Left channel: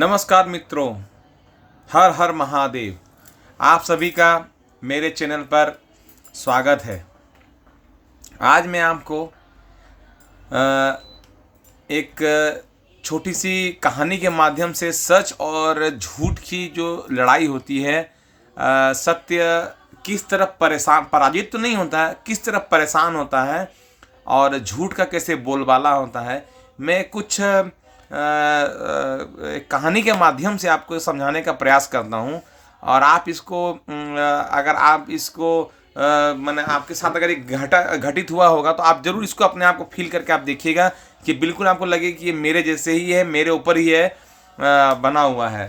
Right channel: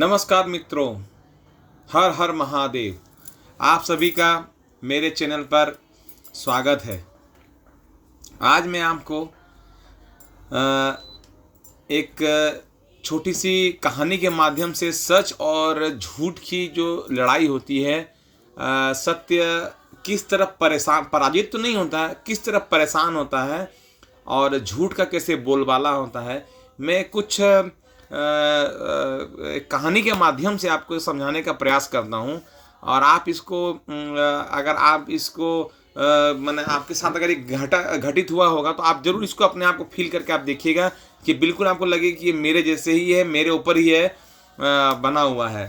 नमस्कार मित्रों, हर हर महादेव। आप सभी का मेरे चैनल पर स्वागत है। आज मैं आपको एक छोटी सी कहानी के माध्यम से सच और झूठ की जो लड़ाई होती है, सत्य किस तरह पराजित तो नहीं होता है, किस तरह परेशान होता है और झूठ का कैसे बोलबाला होता है, मैं कुछ कहानी के माध्यम से आपको समझाने का प्रयास करता हूँ। और आप इसको अगर आप इसको मैंने आपके साथ अगर एक घटित हुआ होगा तो आप ज़रूर इसको अपने आप को फील करके आप देखिएगा कि बिल्कुल आपको लगे कि ये मेरे जैसे ही है, मेरे ऊपर ही है, बना हुआ है।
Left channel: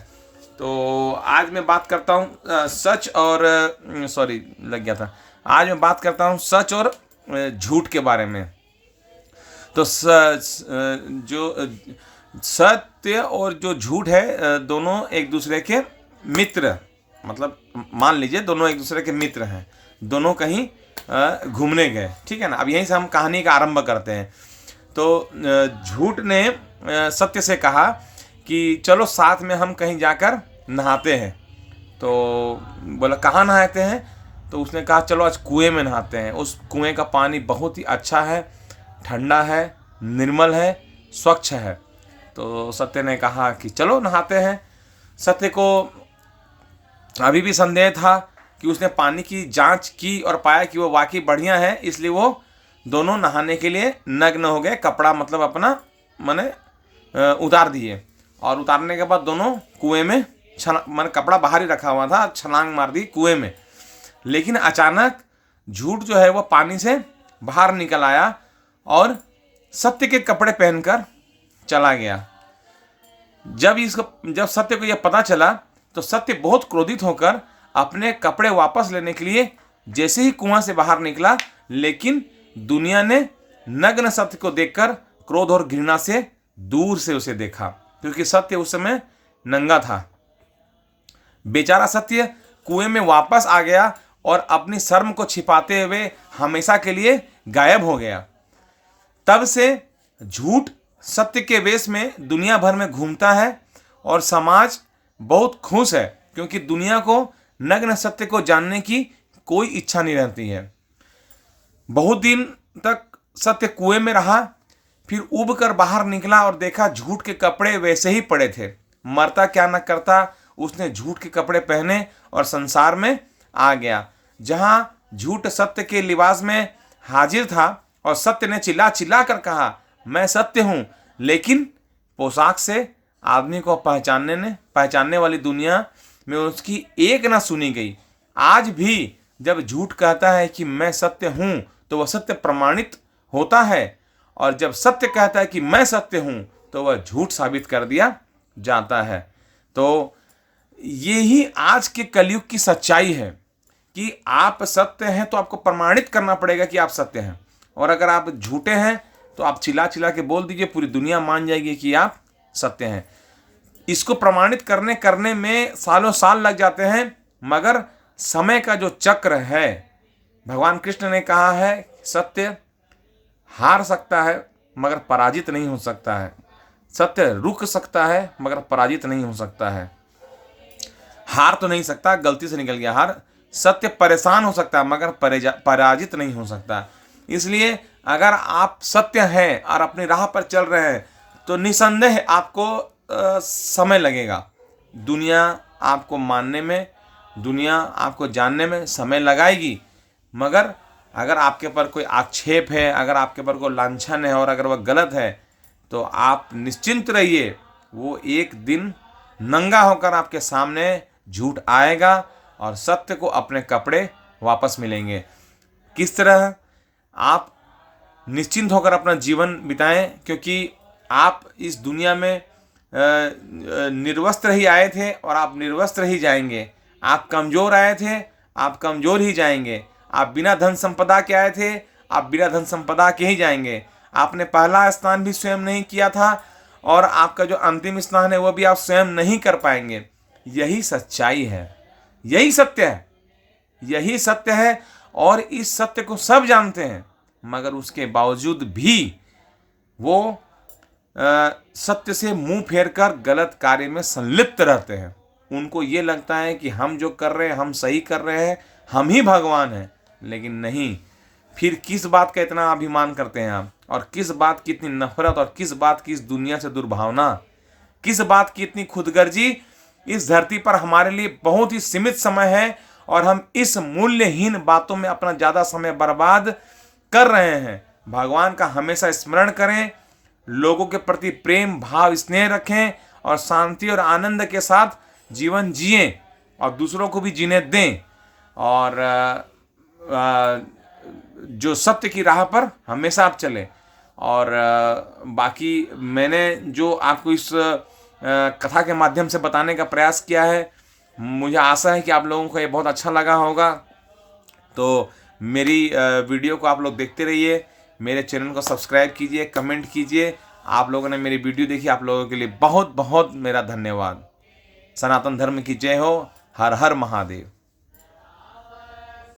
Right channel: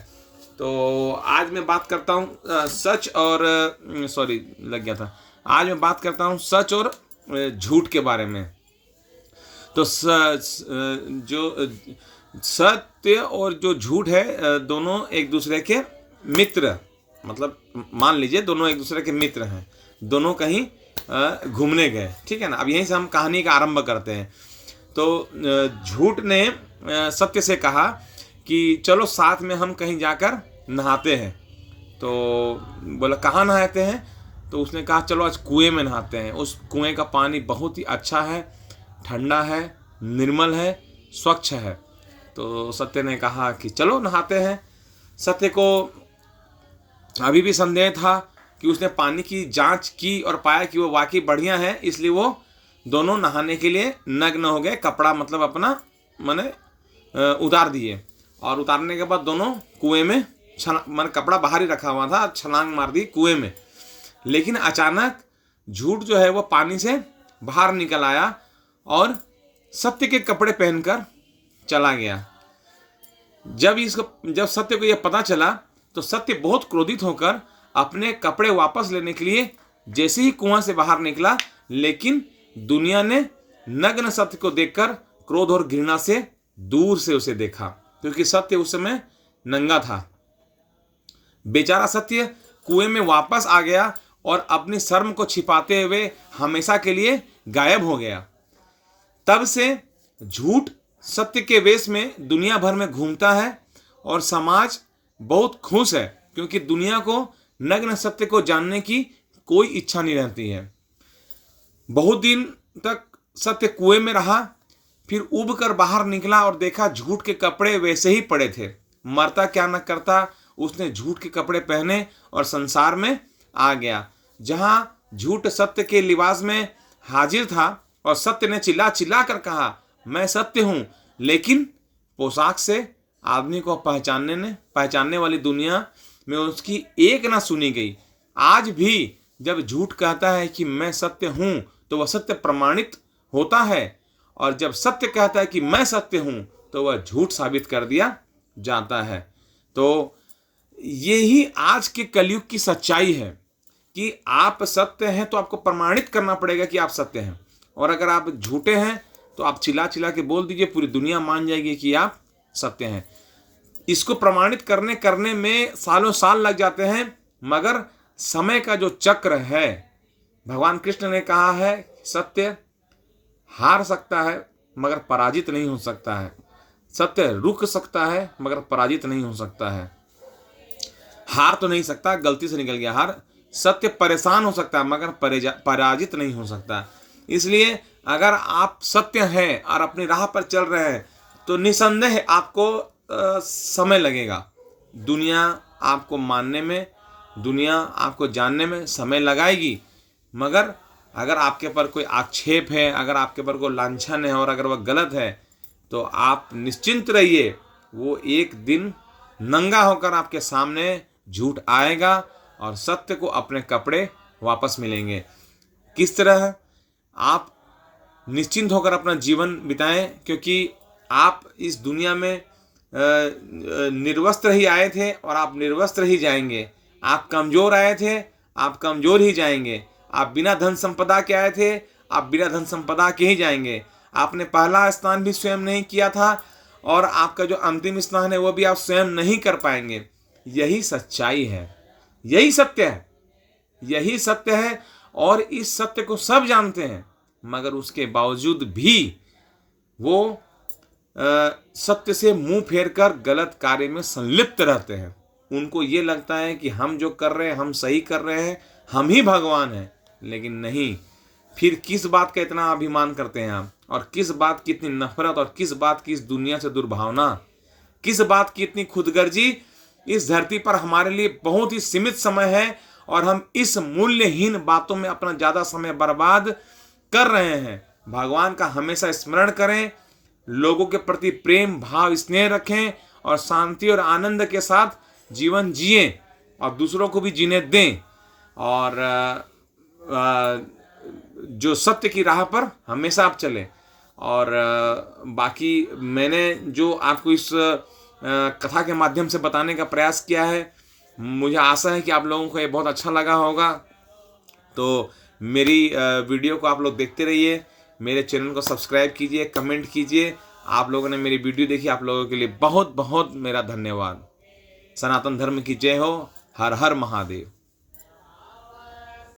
तो आज मैं बात करता हूँ सच और लग गया था। आज मैं बात करता हूँ सच और झूठ के बारे में। तो जो सत्य और जो झूठ है, दोनों एक दूसरे के मित्र, मतलब मान लीजिए दोनों एक दूसरे के मित्र हैं, दोनों कहीं घूमने गए, ठीक है ना। अब यहीं से हम कहानी का आरंभ करते हैं। तो झूठ ने सत्य से कहा कि चलो साथ में हम कहीं जाकर नहाते हैं। तो बोला कहाँ नहाते हैं? तो उसने कहा चलो आज कुएं में नहाते हैं। उस कुएं का पानी बहुत ही अच्छा है, ठंडा है, निर्मल है, स्वच्छ है। तो सत्य ने कहा कि चलो नहाते हैं। सत्य को अभी भी संदेह था कि उसने पानी की जांच की और पाया कि वो वाकई बढ़िया है, इसलिए वो दोनों नहाने के लिए नग्न हो गए। कपड़ा मतलब अपना उतार दिए और उतारने के बाद दोनों कुएं में कपड़ा बाहर ही रखा हुआ था, छलांग मार दी कुएं में। लेकिन अचानक झूठ जो है वो पानी से बाहर निकल आया और सत्य के कपड़े पहनकर चला गया। जब सत्य को यह पता चला तो सत्य बहुत क्रोधित होकर अपने कपड़े वापस लेने के लिए जैसे ही कुआं से बाहर निकला, लेकिन दुनिया ने नग्न सत्य को देखकर क्रोध और घृणा से दूर से उसे देखा, क्योंकि सत्य उस समय नंगा था। बेचारा सत्य कुएं में वापस आ गया और अपनी शर्म को छिपाते हुए हमेशा के लिए गायब हो गया। तब से झूठ सत्य के वेश में दुनिया भर में घूमता है और समाज बहुत खुश है, क्योंकि दुनिया को नग्न सत्य को जानने की कोई इच्छा नहीं रहती है। बहुत दिन तक सत्य कुएं में रहा, फिर उब कर बाहर निकला और देखा झूठ के कपड़े वैसे ही पड़े थे। मरता क्या न करता, उसने झूठ के कपड़े पहने और संसार में आ गया, जहां झूठ सत्य के लिबास में हाजिर था और सत्य ने चिल्ला चिल्ला कर कहा मैं सत्य हूं। लेकिन पोशाक से आदमी को पहचानने वाली दुनिया में उसकी एक ना सुनी गई। आज भी जब झूठ कहता है कि मैं सत्य हूं तो वह सत्य प्रमाणित होता है, और जब सत्य कहता है कि मैं सत्य हूं तो वह झूठ साबित कर दिया जाता है। तो यही आज के कलयुग की सच्चाई है कि आप सत्य हैं तो आपको प्रमाणित करना पड़ेगा कि आप सत्य हैं, और अगर आप झूठे हैं तो आप चिल्ला चिल्ला के बोल दीजिए, पूरी दुनिया मान जाएगी कि आप सत्य हैं। इसको प्रमाणित करने में सालों साल लग जाते हैं, मगर समय का जो चक्र है, भगवान कृष्ण ने कहा है सत्य हार सकता है मगर पराजित नहीं हो सकता है। सत्य रुक सकता है मगर पराजित नहीं हो सकता है। हार तो नहीं सकता, गलती से निकल गया हार। सत्य परेशान हो सकता है मगर पराजित नहीं हो सकता। इसलिए अगर आप सत्य हैं और अपनी राह पर चल रहे हैं तो निसंदेह आपको समय लगेगा। दुनिया आपको मानने में, दुनिया आपको जानने में समय लगाएगी, मगर अगर आपके पर कोई आक्षेप है, अगर आपके पर कोई लांछन है और अगर वह गलत है तो आप निश्चिंत रहिए, वो एक दिन नंगा होकर आपके सामने झूठ आएगा और सत्य को अपने कपड़े वापस मिलेंगे। किस तरह आप निश्चिंत होकर अपना जीवन बिताएं, क्योंकि आप इस दुनिया में निर्वस्त्र ही आए थे और आप निर्वस्त्र ही जाएंगे। आप कमज़ोर आए थे, आप कमज़ोर ही जाएंगे। आप बिना धन संपदा के आए थे, आप बिना धन संपदा के ही जाएंगे। आपने पहला स्नान भी स्वयं नहीं किया था और आपका जो अंतिम स्नान है वो भी आप स्वयं नहीं कर पाएंगे। यही सच्चाई है, यही सत्य है, यही सत्य है। और इस सत्य को सब जानते हैं, मगर उसके बावजूद भी वो सत्य से मुंह फेरकर गलत कार्य में संलिप्त रहते हैं। उनको ये लगता है कि हम जो कर रहे हैं हम सही कर रहे हैं, हम ही भगवान हैं। लेकिन नहीं, फिर किस बात का इतना अभिमान करते हैं आप, और किस बात की इतनी नफरत, और किस बात की इस दुनिया से दुर्भावना, किस बात की इतनी खुदगर्जी। इस धरती पर हमारे लिए बहुत ही सीमित समय है और हम इस मूल्यहीन बातों में अपना ज़्यादा समय बर्बाद कर रहे हैं। भगवान का हमेशा स्मरण करें, लोगों के प्रति प्रेम भाव स्नेह रखें और शांति और आनंद के साथ जीवन जिएं और दूसरों को भी जीने दें, और जो सत्य की राह पर हमेशा आप चलें। और बाकी मैंने जो आपको इस कथा के माध्यम से बताने का प्रयास किया है, मुझे आशा है कि आप लोगों को ये बहुत अच्छा लगा होगा। तो मेरी वीडियो को आप लोग देखते रहिए, मेरे चैनल को सब्सक्राइब कीजिए, कमेंट कीजिए। आप लोगों ने मेरी वीडियो देखी, आप लोगों के लिए बहुत बहुत मेरा धन्यवाद। सनातन धर्म की जय हो। हर हर महादेव।